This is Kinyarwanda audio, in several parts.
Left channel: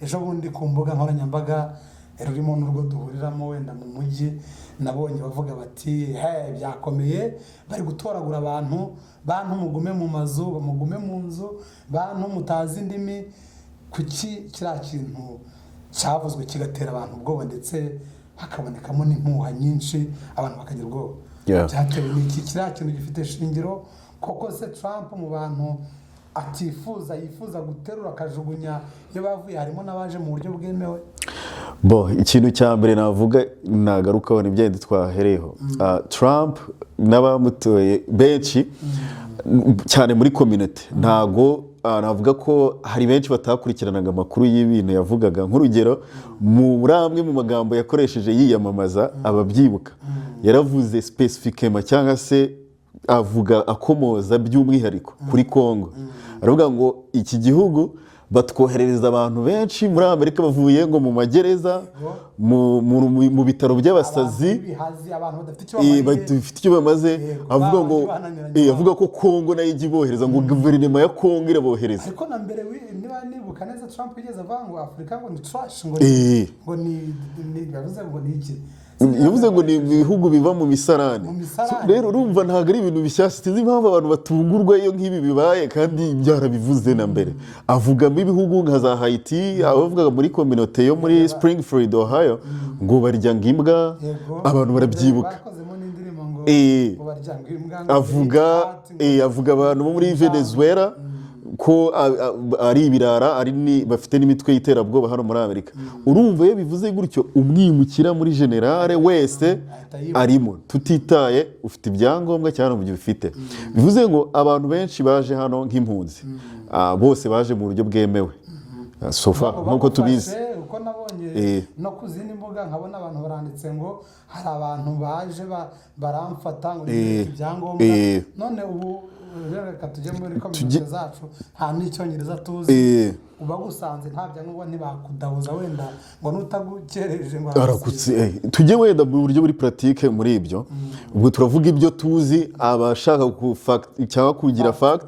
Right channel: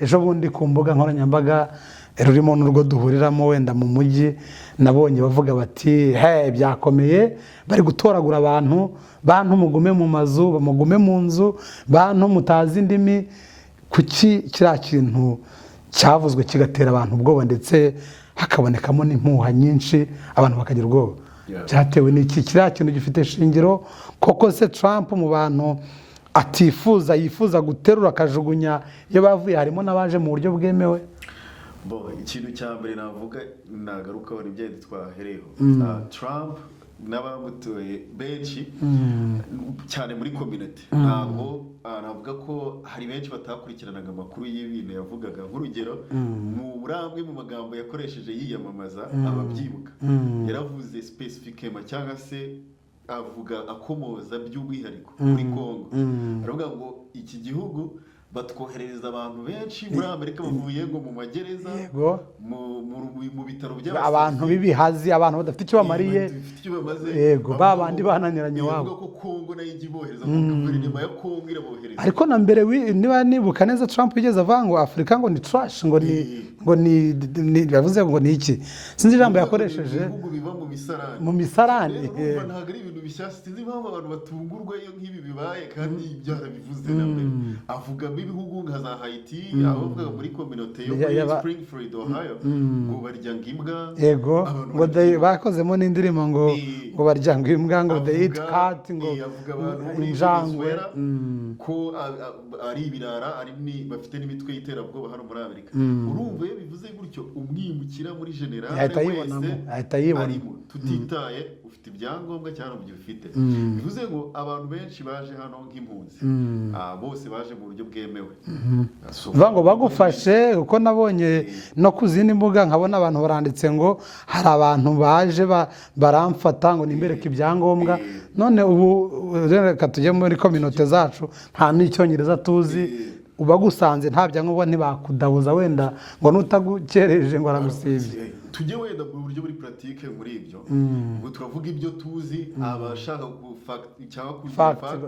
ejo bundi ku mbuga nkoranyambaga rurimo n'urwo duhuriramo wenda mu mujyi nabonye bavuga bati byakomeye bari gutoragura abantu, bantu mugume mu mazu, mugume mu nzu, bantu mutazi indimi. Kuki kiriya kintu cyavuzwe kigatera abantu ubwoba ndetse hakabonekamo n'impuha nyinshi abantu bakagira ubwoba? Byatewe n'iki? Kiriya kintu gifite shingiro koko se Trump mu bantu yifuza guterura akajugunya iyo bavuye harimo n'abaje mu buryo bwemewe? Ikintu cya mbere navuga nagarukaho ni byenda twahereyeho. Trump n'abamutoye benshi cyane muri community ntago navuga ko hari benshi batakurikiranaga amakuru y'ibintu yavugaga. Nk'urugero muri amwe mu magambo yakoresheje yiyamamaza ababyibuka yaravuze specifically cyangwa se avuga akomoza by'umwihariko kuri Congo. Aravuga ngo iki gihugu batwoherereza abantu benshi muri Amerika bavuye ngo mu magereza, mu bitaro by'abasazi, abantu b'ibihazi, abantu badafite icyo bamaze, avuga ko Congo nayo ijya ibohereza, ngo guverinoma ya Congo irabohereza. Ariko na mbere niba nibuka neza Trump yigeze avuga ngo Afurika ngo ni trash, ngo ni yavuze ngo ni iki, sinzi ngo ni ibihugu biva mu misarani. Rero urumva ntabwo ari ibintu bishyashya, sinzi impamvu abantu batungurwa iyo nk'ibi bibaye kandi byarabivuze na mbere. Avuga ibihugu nka za Haiti, abavugaga muri community yo muri Springfield, Ohio, ngo barya imbwa, abantu barabyibuka. Bakozemo n'indirimbo ngo barya imbwa, ngo avuga abantu bo muri Venezuela ko ari ibirara, bafite n'imitwe y'iterabwoba hano muri Amerika. Urumva iyo bivuze gutyo umwimukira muri generale wese arimo, tutitaye ufite ibyangombwa cyangwa mu bifite. Bivuze ngo abantu benshi baje hano nk'impunzi, bose baje mu buryo bwemewe. Ngo bagufashe uko nabonye no ku zindi mbuga nkabona abantu baranditse ngo hari abantu baje baramfata ngo nibereke ibyangombwa. None ubu reka tujye muri community zacu nta n'icyongereza tuzi, ubagusanze nta byangombwa ntibakudabuza wenda ngo nutagukereje ngo aragusize. Tujye wenda mu buryo buri pratique muri ibyo. Ubwo turavuga ibyo tuzi, abashaka cyangwa kugira fact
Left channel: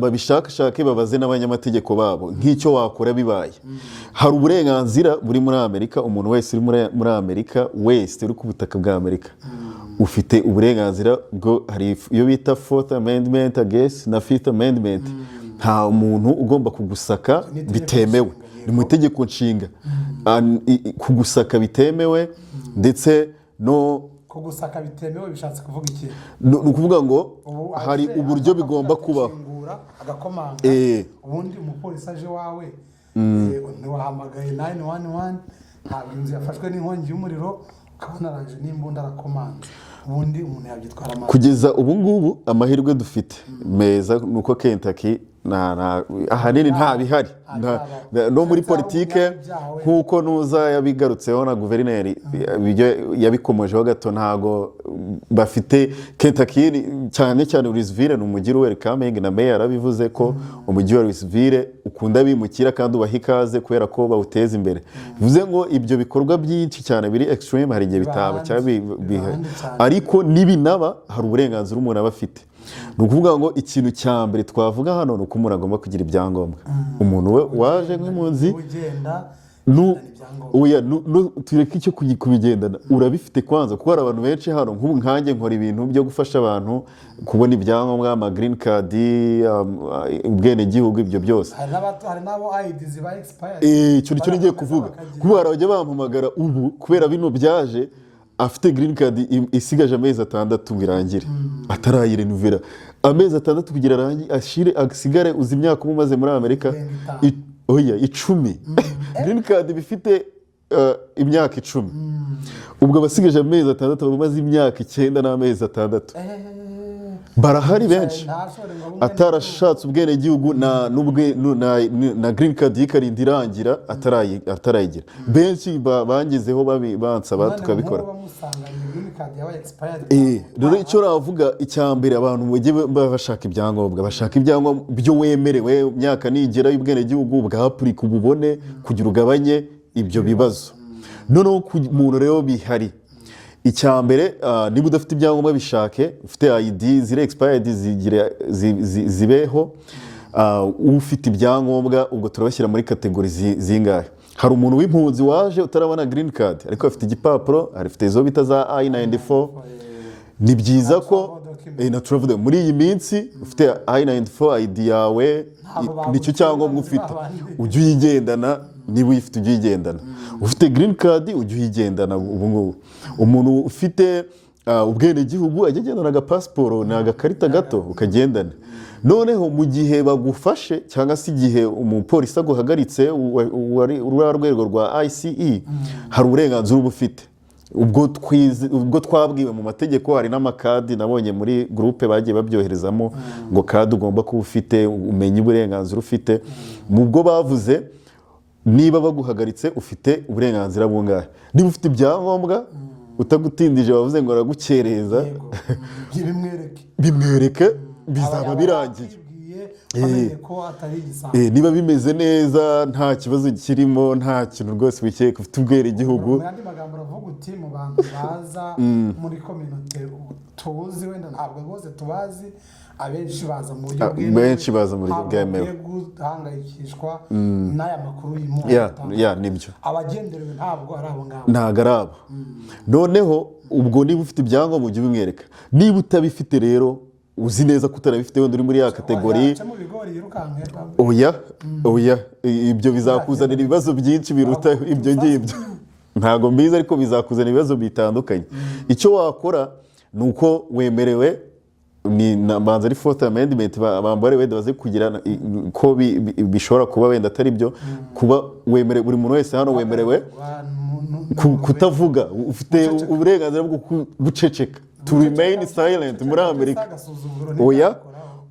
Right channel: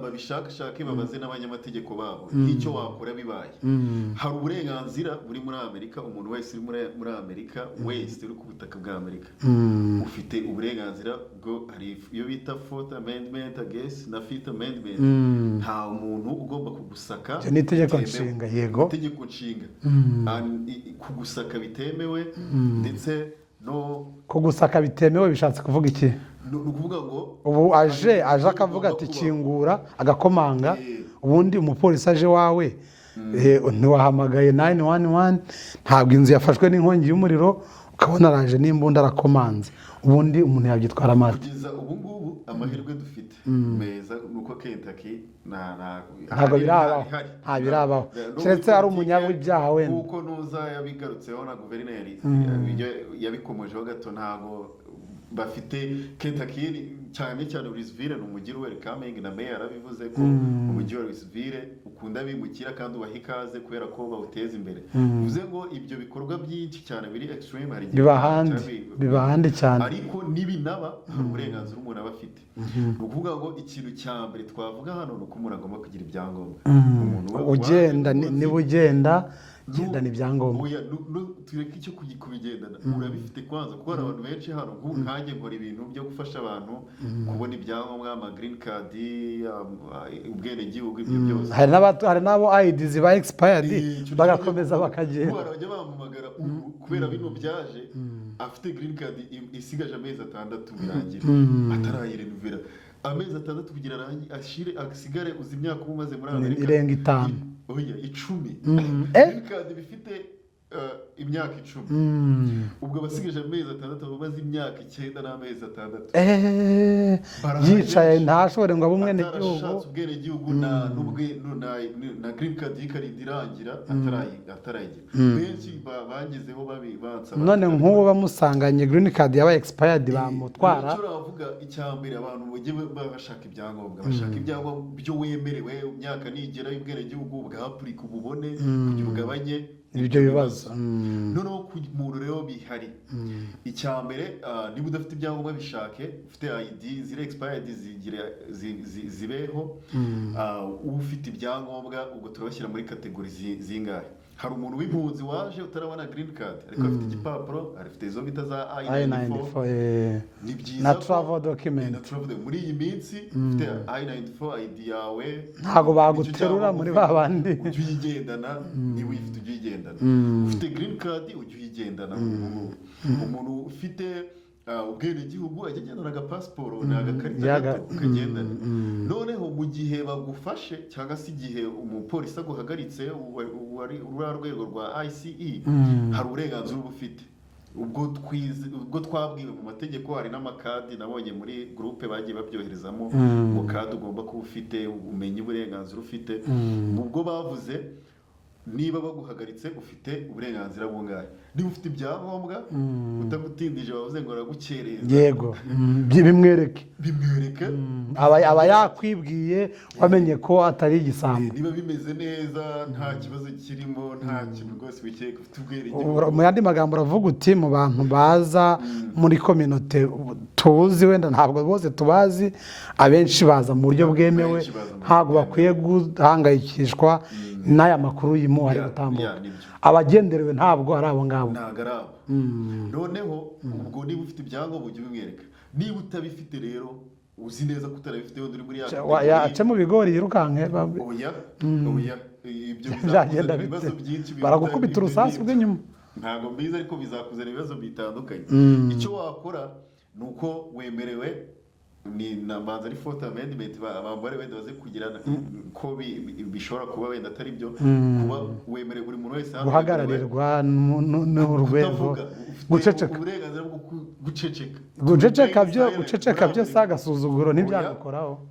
babishakashake babaze n'abanyamategeko babo nk'icyo wakora bibaye. Hari uburenganzira buri muri Amerika, umuntu wese uri muri Amerika wese uri ku butaka bwa Amerika ufite uburenganzira bwo, hari iyo bita Fourth Amendment na Fifth Amendment. Nta muntu ugomba kugusaka bitemewe mu itegeko nshinga, kugusaka bitemewe, ndetse no kugusaka bitemewe bishatse kuvuga iki? Ni ukuvuga ngo ubu aje akavuga ati kingura agakomanga, ubundi umupolisi aje wawe ntiwahamagaye 911, ntabwo inzu yafashwe n'inkongi y'umuriro ukabona araje n'imbunda arakomanze, ubundi umuntu yabyitwara amazi. Kugeza ubu ngubu amahirwe dufite meza nuko Kentucky ahanini nta bihari no muri politike nk'uko nuza yabigarutseho na guverineri yabikomojeho gato. Ntago bafite Kentucky cyane cyane Louisville ni umujyi welcoming, na mayor yarabivuze ko umujyi wa Louisville ukunda bimukira kandi ubaha ikaze kubera ko bawuteza imbere. Bivuze ngo ibyo bikorwa byinshi cyane biri extreme hari igihe bitanu ariko nibinaba hari uburenganzira umuntu aba afite. Ni ukuvuga ngo ikintu cya mbere twavuga hano ni uko umuntu agomba kugira ibyangombwa. Umuntu we waje n'umuzi ugenda tureke icyo kubigendana urabifite kwanza, kuko hari abantu benshi hano nk'ubu nkanjye nkora ibintu byo gufasha abantu kubona ibyangombwa, ama green card, ubwenegihugu, ibyo byose. Hari n'abo ID ziba expired, icyo ngiye kuvuga kuko barajya bampamagara ubu kubera bino byaje afite green card isigaje amezi 6 ngo irangire atarayirenuvera, amezi 6 kugira arangi ashire asigare uzi imyaka umaze muri Amerika 10. Green card bifite imyaka 10. Ubwo basigaje amezi 6 bamaze imyaka 9 n'amezi 6. Barahari benshi atarashatse ubwenegihugu na green card yikarindi irangira atarayigira. Benshi bangizeho bansaba tukabikora. None nk'ubu bamusanganye green card yaba expired bamutwara. Icyo ravuga icyambere abantu bajye bashaka ibyangombwa, bashaka ibyangombwa byo wemerewe, imyaka nigera y'ubwenegihugu bwapurika ububone kugira ugabanye ibyo bibazo. Noneho ku muntu rero bihari icya mbere niba udafite ibyangombwa bishake, ufite ID ziri expired zibeho, ufite ibyangombwa ubwo turabashyira muri kategori zingahe. Hari umuntu w'impunzi waje utarabona green card ariko afite igipapuro, afite izo bita za I-94. Ni byiza ko muri iyi minsi ufite I-94 ID yawe nicyo cyangombwa ufite, ujye uyigendana. Niba uyifite ujye uyigendana. Ufite green card ujye uyigendana. ubu ngubu umuntu ufite ubwenegihugu ajya agendana agapasiporo, ni agakarita gato ukagendana. Noneho mu gihe bagufashe cyangwa se igihe umupolisi aguhagaritse uriya rwego rwa ICE, hari uburenganzira uba ufite. Ubwo twabwiwe mu mategeko, hari n'amakadi nabonye muri groupe bagiye babyoherezamo ngo kadi ugomba kuba ufite, umenye uburenganzira ufite. Mu bwo bavuze niba baguhagaritse ufite uburenganzira bungahe. Niba ufite ibyangombwa utagutindije bavuze ngo aragukereza, yego bimwereke aba yakwibwiye wamenye ko atari igisambo. Niba bimeze neza nta kibazo kirimo, nta kintu rwose wikeka, ufite ubwenegihugu. Mu yandi magambo uravuga uti mu bantu baza muri kominote tuzi, wenda ntabwo bose tubazi, abenshi baza mu buryo bwemewe, ntabwo bakwiye guhangayikishwa n'aya makuru y'impuha. Abagenderewe ntabwo ari abo ngabo, ntabwo ari abo. Noneho ubwo niba ufite ibyangombwa ujye ubimwereka. Niba utabifite rero, uzi neza ko utarabifite, wenda uri muri ya kategori yaca mu bigori yirukanke, oya ibyo bizakuzanira ibibazo byinshi biruta ibyo ngibyo. Ntabwo mbizi, ariko bizakuzanira ibibazo bitandukanye. Icyo wakora ni uko wemerewe, ni manza ari Fourth Amendment bambare wenda baze kugira ko bishobora kuba wenda atari byo, kuba wemerewe, buri muntu wese hano wemerewe kutavuga, ufite uburenganzira bwo guceceka.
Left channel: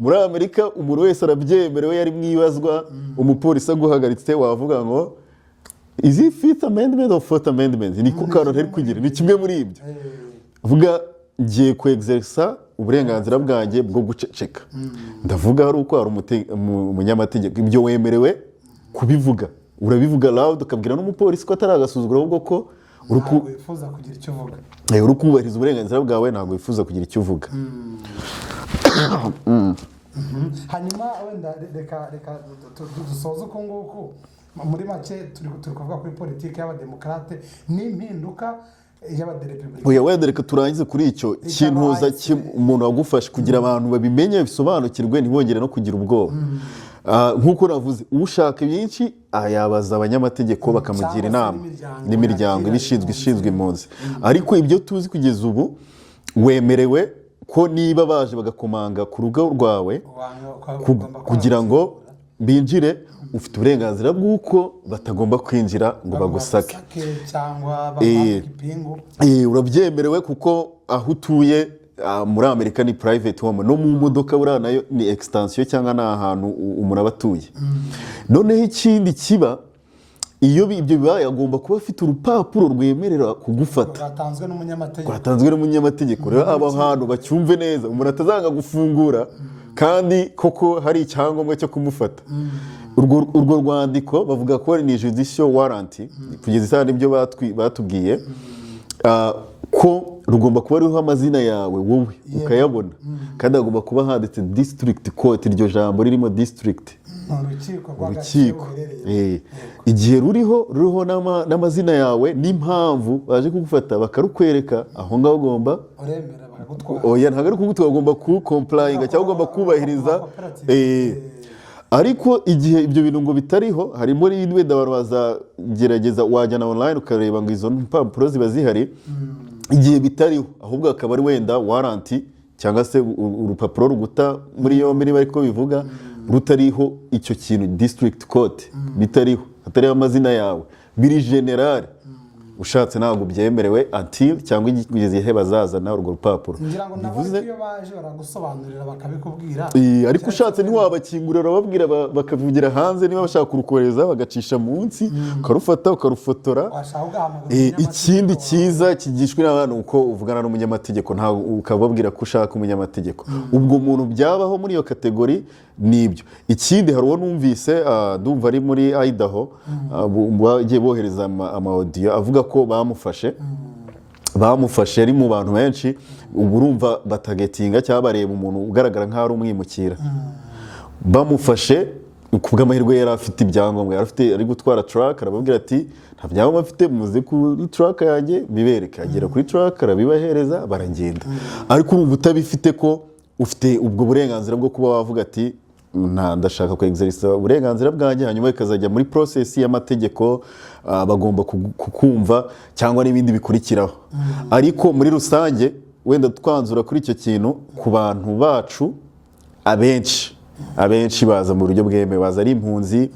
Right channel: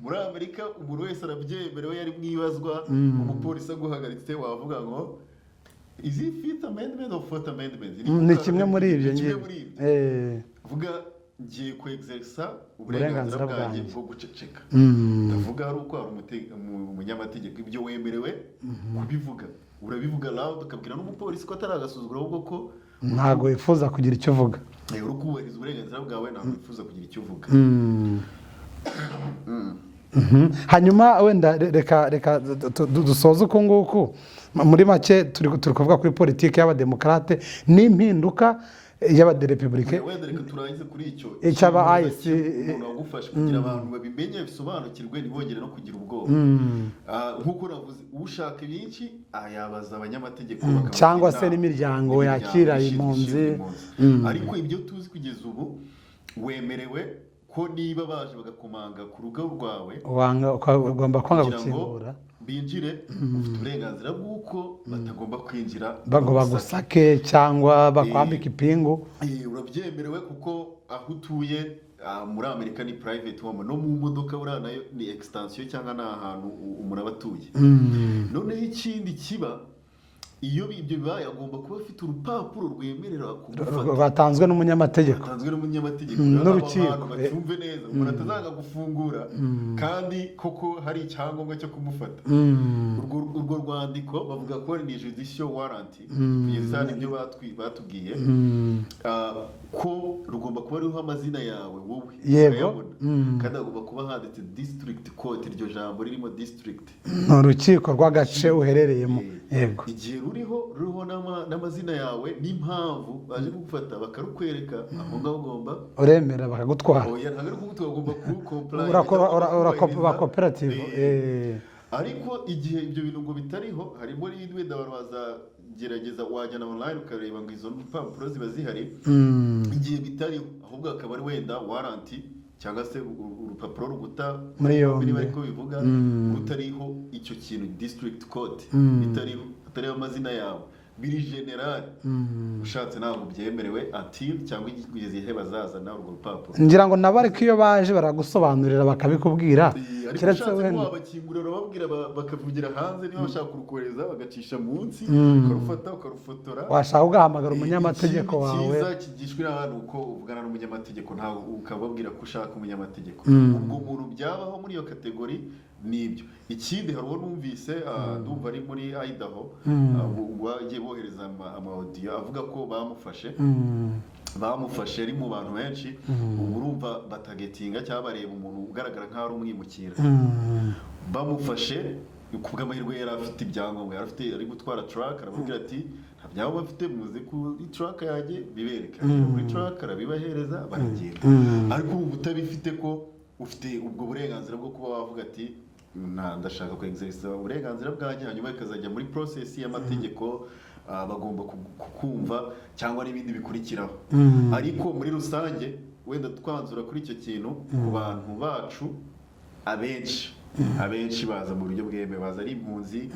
Muri Amerika umuntu wese arabyemerewe, yari mwibazwa umupolisi aguhagaritse wavuga ngo is it Fifth Amendment or Fourth Amendment? Ni kimwe muri ibyo. Vuga ngiye kuexersa uburenganzira bwanjye bwo guceceka. Ndavuga hari uko hari umunyamategeko, ibyo wemerewe kubivuga. Urabivuga loud ukabwira n'umupolisi ko atari agasuzuguro, ahubwo ko ntabwo wifuza kugira icyo uvuga. Uri kubahiriza uburenganzira bwawe, ntabwo wifuza kugira icyo uvuga. Hanyuma wenda reka dusoze uko nguko. Muri make turi kuvuga kuri politiki y'abademokarate n'impinduka y'abaderepublika. Wenda reka turangize kuri icyo kimuza umuntu wagufasha kugira abantu babimenye, bisobanukirwe, ntibongere no kugira ubwoba. Nk'uko navuze, ushaka byinshi yabaza abanyamategeko bakamugira inama, n'imiryango ishinzwe impunzi. Ariko ibyo tuzi kugeza ubu, wemerewe ko niba baje bagakomanga ku rugo rwawe kugira ngo binjire, ufite uburenganzira bw'uko batagomba kwinjira ngo bagusake cyangwa bakwambike ipingu. Urabyemerewe kuko aho utuye muri Amerika ni private home, no mu modoka buriya nayo ni extension cyangwa ni ahantu umuntu aba atuye. Noneho ikindi kiba, iyo ibyo bibaye agomba kuba afite urupapuro rwemerera kugufata, batanzwe n'umunyamategeko. Rero aba hantu bacyumve neza, umuntu atazanga gufungura kandi koko hari icyangombwa cyo kumufata. Urwo rwandiko bavuga ko ni judicial warrant, kugeza isaha nibyo batubwiye, ko rugomba kuba ruriho amazina yawe wowe ukayabona, kandi hagomba kuba handitse district court, iryo jambo ririmo district, urukiko rw'agace uherereyemo. Igihe ruriho n'amazina yawe n'impamvu baje kugufata, bakarukwereka, aho ngaho ugomba uremera bakagutwara. Ntabwo ari kugutwara, ugomba kucomplyinga cyangwa ugomba kubahiriza. Ariko igihe ibyo bintu ngo bitariho, harimo wenda abantu bazagerageza, wajyana online ukareba ngo izo mpapuro ziba zihari. Igihe bitariho, ahubwo akaba ari wenda waranti cyangwa se urupapuro ruguta muri yombi, niba ariko bivuga, rutariho icyo kintu district court, bitariho, hatariho amazina yawe, biri general, ushatse ntabwo byemerewe until cyangwa igihe bazazana urwo rupapuro. Ngira ngo nabo ariko iyo baje baragusobanurira bakabikubwira, ariko ushatse ntiwabakingurira babwira bakavugira hanze, niba bashaka kurukohereza bagacisha munsi, ukarufata ukarufotora. Washaka ugahamagara umunyamategeko. Ikindi cyiza kigishwe n'abantu uko uvugana n'umunyamategeko, ntawe ukababwira ko ushaka umunyamategeko. Ubwo umuntu byabaho muri iyo kategori nibyo. Ikindi hari uwo numvise, ndumva ari muri Idaho, bagiye bohereza ama audio avuga ko bamufashe bamufashe ari mu bantu benshi ubu urumva batagetinga cyangwa bareba umuntu ugaragara nk'aho ari umwimukira bamufashe ku bw'amahirwe yari afite ibyangombwa ari gutwara truck arababwira ati nta byangombwa afite muze kuri truck yanjye bibereka agera kuri truck arabibahereza baragenda ariko urumva utabifite ko ufite ubwo burenganzira bwo kuba wavuga ati ndashaka kwexercisa uburenganzira bwanjye hanyuma ikazajya muri process y'amategeko bagomba kukumva cyangwa n'ibindi bikurikiraho ariko muri rusange wenda twanzura kuri icyo kintu ku bantu bacu abenshi baza mu buryo bwemewe baza ari impunzi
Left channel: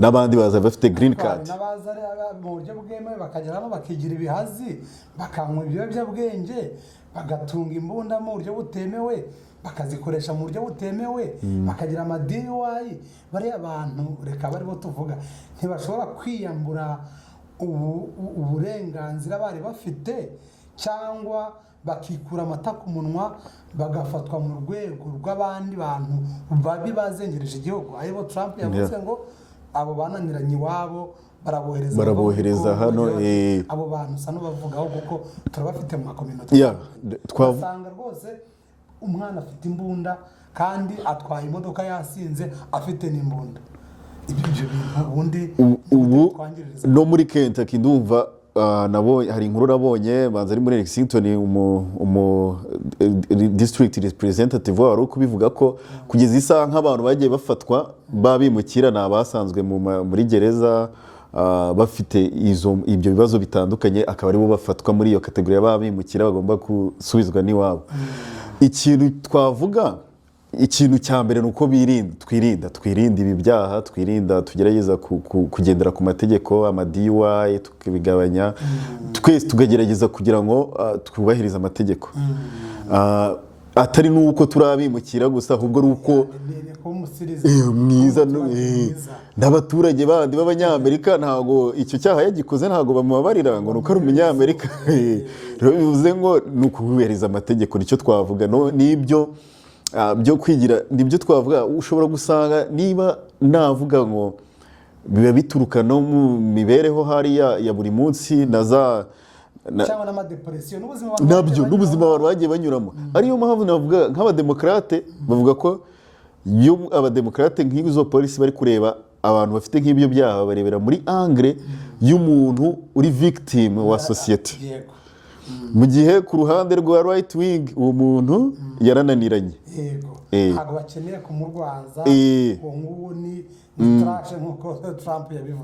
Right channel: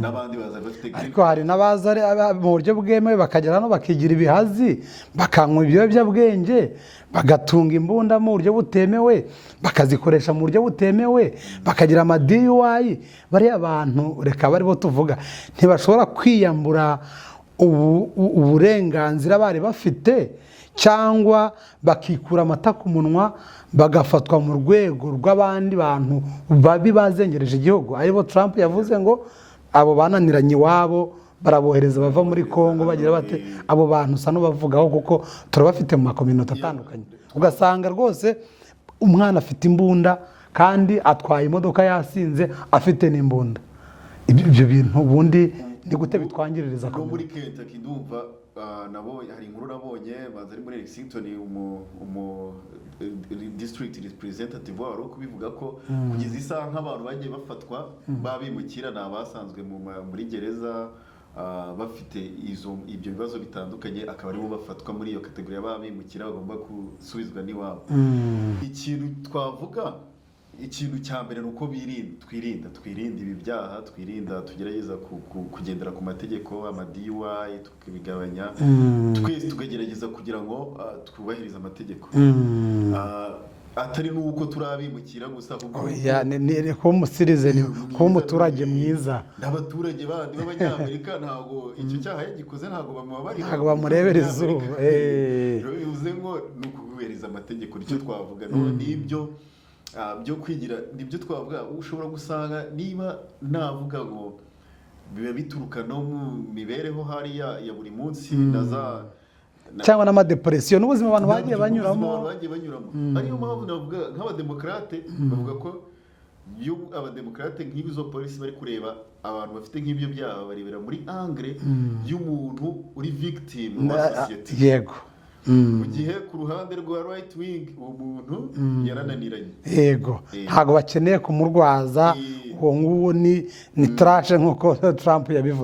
n'abandi baza bafite green card hari n'abaza mu buryo bwemewe bakagera no bakigira ibihazi bakanywa ibiyobyabwenge bagatunga imbunda mu buryo butemewe bakazikoresha mu buryo butemewe bakagira ama-DUI bariya bantu reka bari bo tuvuga ntibashobora kwiyambura uburenganzira bari bafite cyangwa bakikura amata ku munwa bagafatwa mu rwego rw'abandi bantu babi bazengereje igihugu aribo Trump yavuze ngo abo bananiranye iwabo barabohereza bava muri Kongo bagira bati abo bantu usa n'ubavugaho kuko turabafite mu makominote atandukanye ugasanga rwose umwana afite imbunda kandi atwaye imodoka yasinze afite n'imbunda ibyo bintu ubundi ni gute bitwangiririza no muri Kentucky ndumva hari inkuru nabonye banza ari muri Lexington district representative wari kubivuga ko kugeza isaha nk'abantu bagiye bafatwa babimukira n'abasanzwe muri gereza bafite ibyo bibazo bitandukanye akaba aribo bafatwa muri iyo kategori y'ababimukira bagomba gusubizwa n'iwabo ikintu twavuga ikintu cya mbere ni uko twirinda ibi byaha tugerageza kugendera ku mategeko ama-DUI tukabigabanya twese tukagerageza kugira ngo twubahirize amategeko atari nuko turabimukira gusa ahubwo ko umusirize umuturage mwiza n'abaturage bandi b'abanyamerika ntabwo icyo cyaha yagikoze ntabwo bamubabarira ngo nuko ari umunyamerika rero bivuze ngo ni ukubahiriza amategeko nicyo twavuga n'ibyo byo kwigira nibyo twavuga ushobora gusanga niba navuga ngo biba bituruka no mu mibereho hariya ya buri munsi cyangwa n'amadepresiyo n'ubuzima abantu bagiye banyuramo ariyo mpamvu navuga nk'abademokarate bavuga ko iyo abademokarate nk'izo polisi bari kureba abantu bafite nk'ibyo byaha barebera muri angle y'umuntu uri victim wa society yego mu gihe ku ruhande rwa right wing uwo muntu yarananiranye yego ntabwo bakeneye kumurwaza uwo nguwo ni trash nk'uko Trump yabivuze